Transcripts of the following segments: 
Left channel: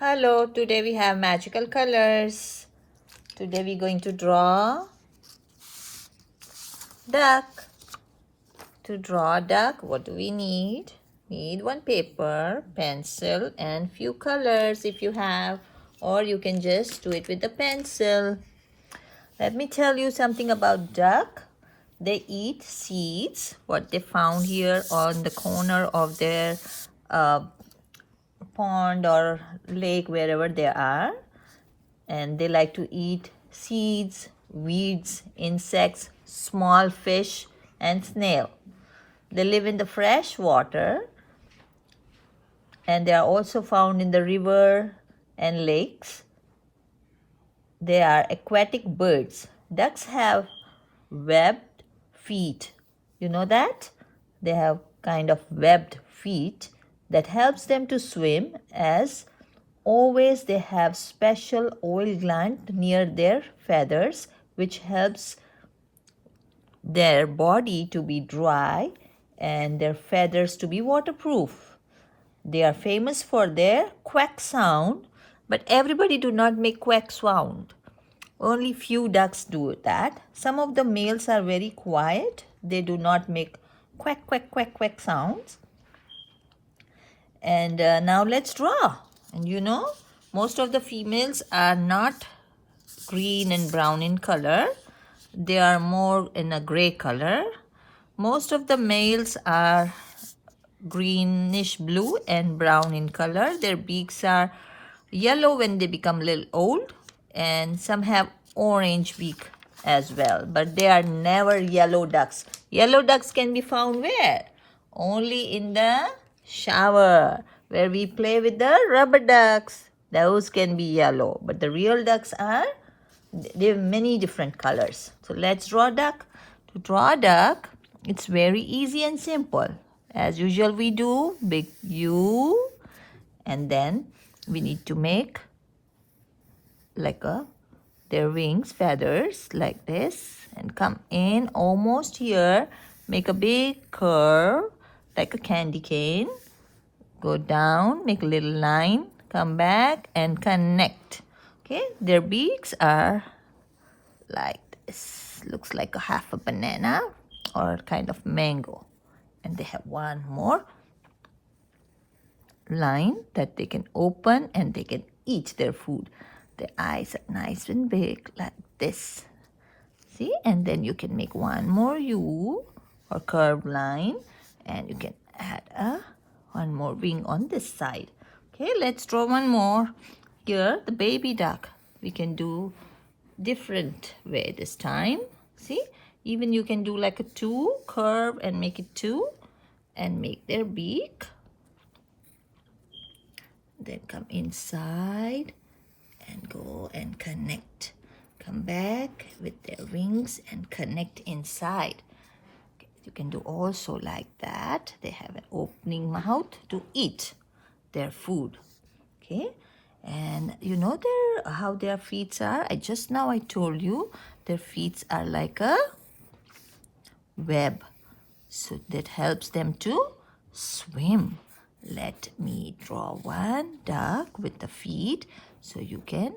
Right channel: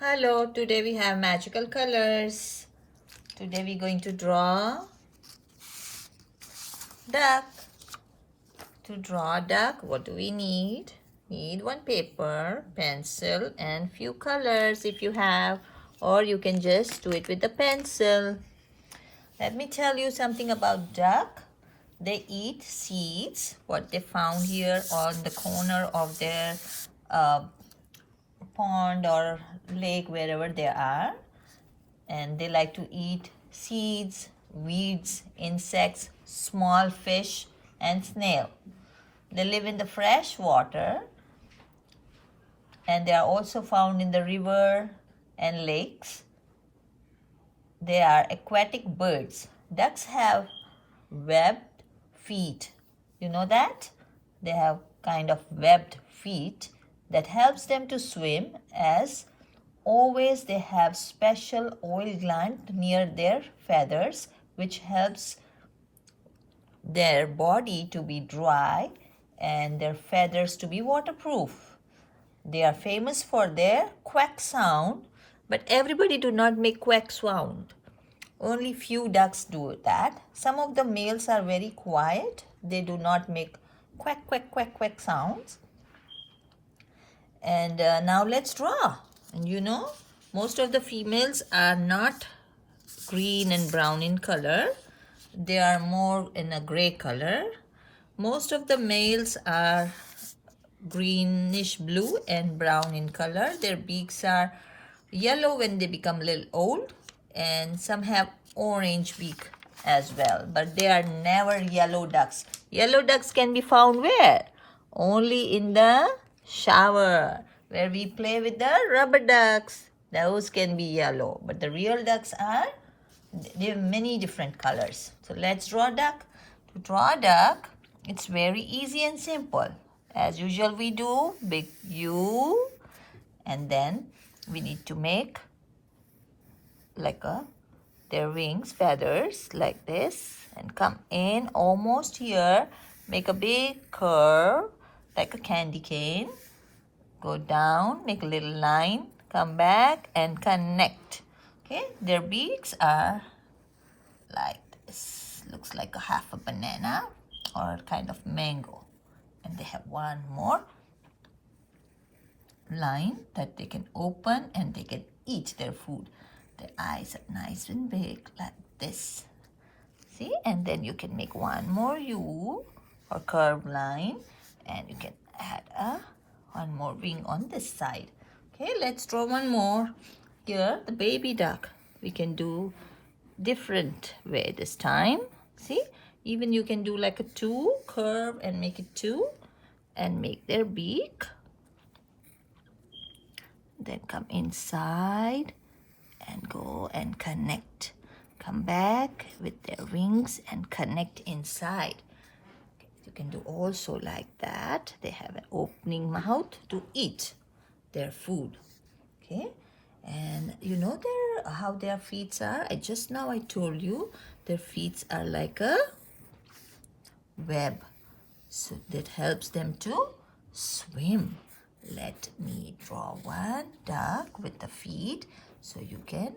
Hello, today we have magical colors. Today we're going to draw duck. To draw a duck, what do we need? Need one paper, pencil and few colors if you have, or you can just do it with the pencil. Let me tell you something about duck. They eat seeds, what they found here on the corner of their pond or lake, wherever they are. And they like to eat seeds, weeds, insects, small fish, and snail. They live in the fresh water, and they are also found in the river and lakes. They are aquatic birds. Ducks have webbed feet. You know that? They have kind of webbed feet that helps them to swim, as always they have special oil gland near their feathers which helps their body to be dry and their feathers to be waterproof. They are famous for their quack sound, but everybody do not make quack sound. Only few ducks do that. Some of the males are very quiet. They do not make quack, quack, quack, quack sounds. And now let's draw. And you know, most of the females are not green and brown in color. They are more in a gray color. Most of the males are greenish blue and brown in color. Their beaks are yellow when they become a little old, and some have orange beak as well, but they are never yellow ducks. Yellow ducks can be found where? Only in the shower, where we play with the rubber ducks. Those can be yellow, but the real ducks are, they have many different colors. So let's draw a duck. To draw a duck, it's very easy and simple. As usual, we do big U, and then we need to make like their wings, feathers like this, and come in almost here. Make a big curve like a candy cane. Go down, make a little line, come back and connect. Okay, their beaks are like this. Looks like a half a banana or kind of mango. And they have one more line that they can open and they can eat their food. The eyes are nice and big like this. See? And then you can make one more U or curved line, and you can add one more wing on this side. Okay, let's draw one more. Here, the baby duck. We can do different way this time. See? Even you can do like a 2 curve and make it 2 and make their beak. Then come inside and go and connect. Come back with their wings and connect inside. Okay, you can do also like that. They have an opening mouth to eat their food. Okay, and you know how their feet are. I told you their feet are like a web, so that helps them to swim. Let me draw one duck with the feet so you can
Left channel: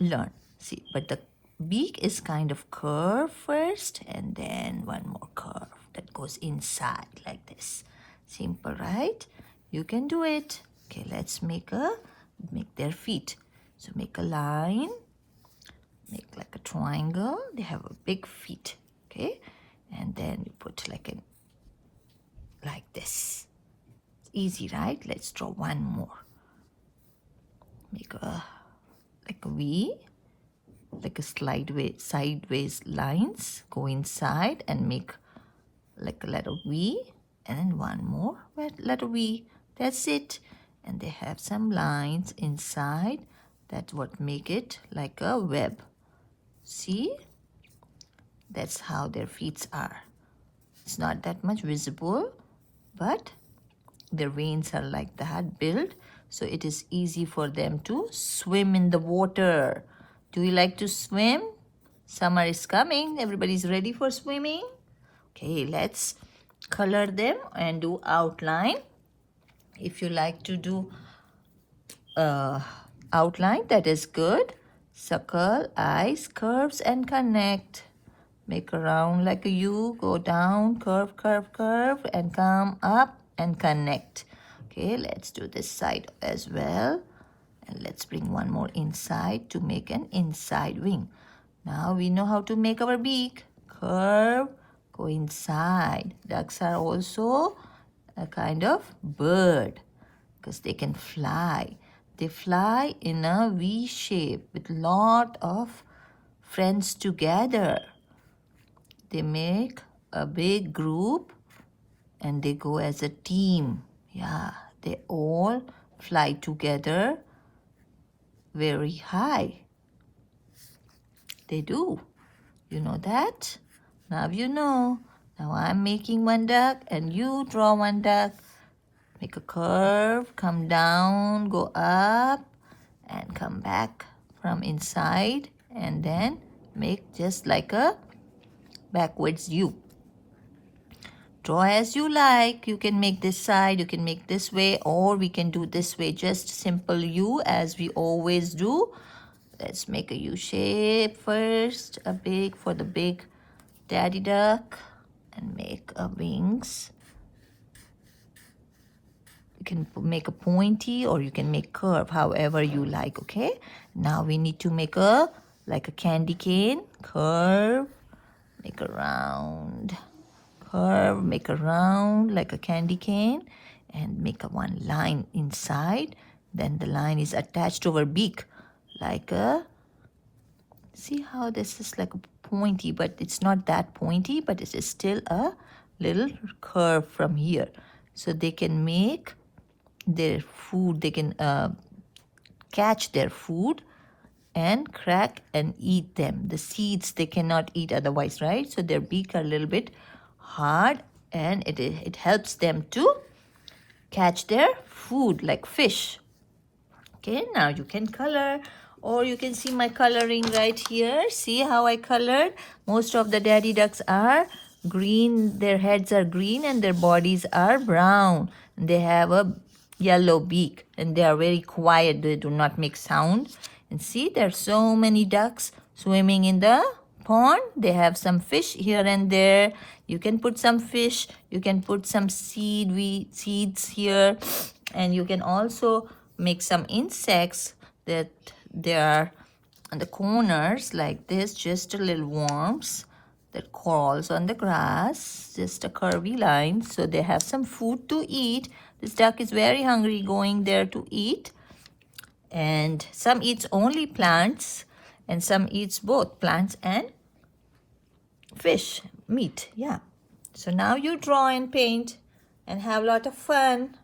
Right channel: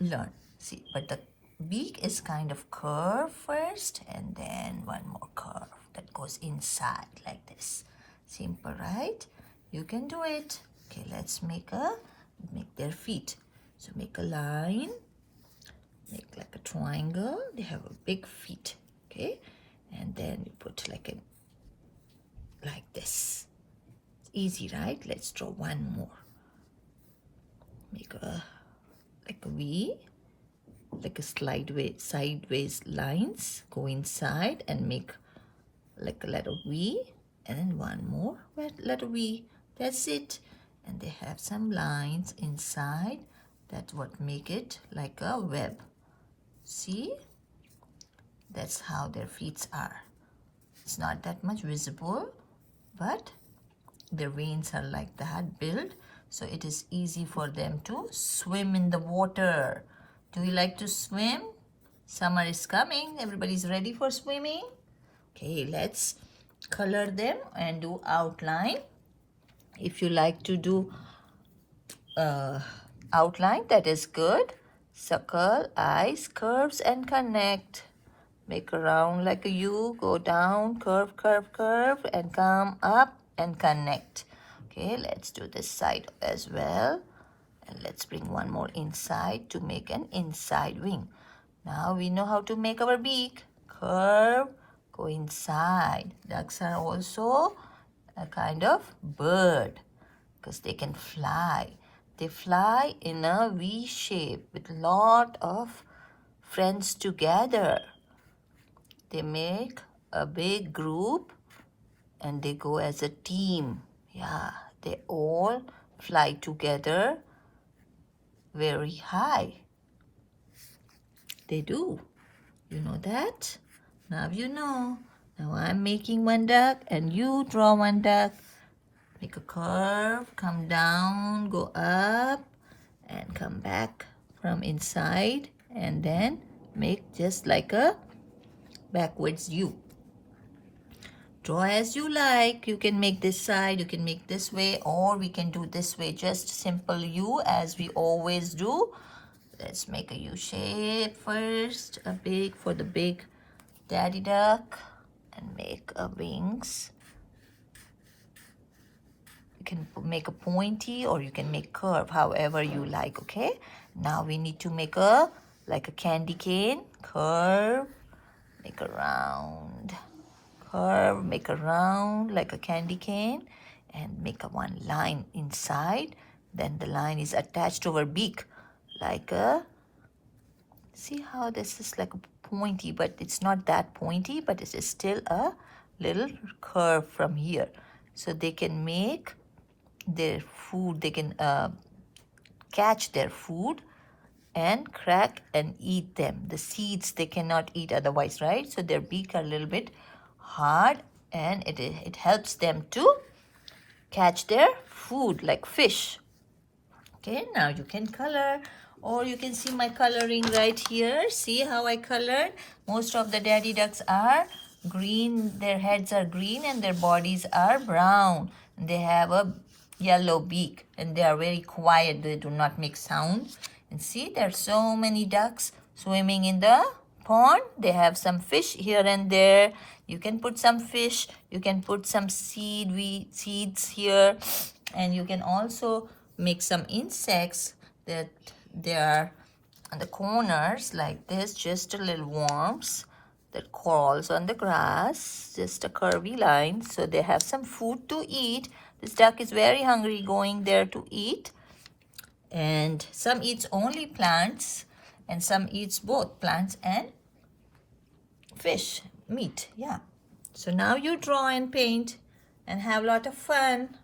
learn. See, but the beak is kind of curved first, and then one more curve that goes inside like this. Simple, right? You can do it. Okay, let's make their feet. So make a line, make like a triangle. They have a big feet. Okay, and then you put like this. It's easy, right? Let's draw one more. Make like a V, like a sideways lines. Go inside and make like a letter V, and then one more letter V. That's it. And they have some lines inside. That's what make it like a web. See? That's how their feet are. It's not that much visible, but their veins are like that built, so it is easy for them to swim in the water. Do you like to swim? Summer is coming. Everybody's ready for swimming. Okay, let's color them and do outline. If you like to do outline. That is good. Circle, eyes, curves, and connect. Make a round like a U. Go down, curve, curve, curve, and come up and connect. Okay, let's do this side as well. And let's bring one more inside to make an inside wing. Now we know how to make our beak. Curve, go inside. Ducks are also a kind of bird because they can fly. They fly in a V shape with lot of friends together. They make a big group and they go as a team. Yeah, they all fly together very high. They do. You know that? Now you know. Now I'm making one duck and you draw one duck. Make a curve, come down, go up, and come back from inside, and then make just like a backwards U. Draw as you like. You can make this side, you can make this way, or we can do this way. Just simple U as we always do. Let's make a U shape first, a big for the big daddy duck, and make a wings. You can make a pointy or you can make curve, however you like, okay? Now we need to make a, like a candy cane, curve, make a round, curve, make a round like a candy cane, and make a one line inside. Then the line is attached to our beak, like a, see how this is like a pointy, but it's not that pointy, but it is still a little curve from here. So they can make their food, they can catch their food and crack and eat them. The seeds they cannot eat otherwise, right? So their beak are a little bit hard and it helps them to catch their food like fish. Okay, now you can color, or you can see my coloring right here. See how I colored? Most of the daddy ducks are green, their heads are green and their bodies are brown. They have a yellow beak and they are very quiet. They do not make sound. And see, there are so many ducks swimming in the pond. They have some fish here and there. You can put some fish, you can put some seeds here, and you can also make some insects that they are on the corners like this, just a little worms that crawls on the grass, just a curvy line, so they have some food to eat. This duck is very hungry, going there to eat. And some eats only plants and some eats both plants and fish, meat. Yeah. So now you draw and paint and have a lot of fun.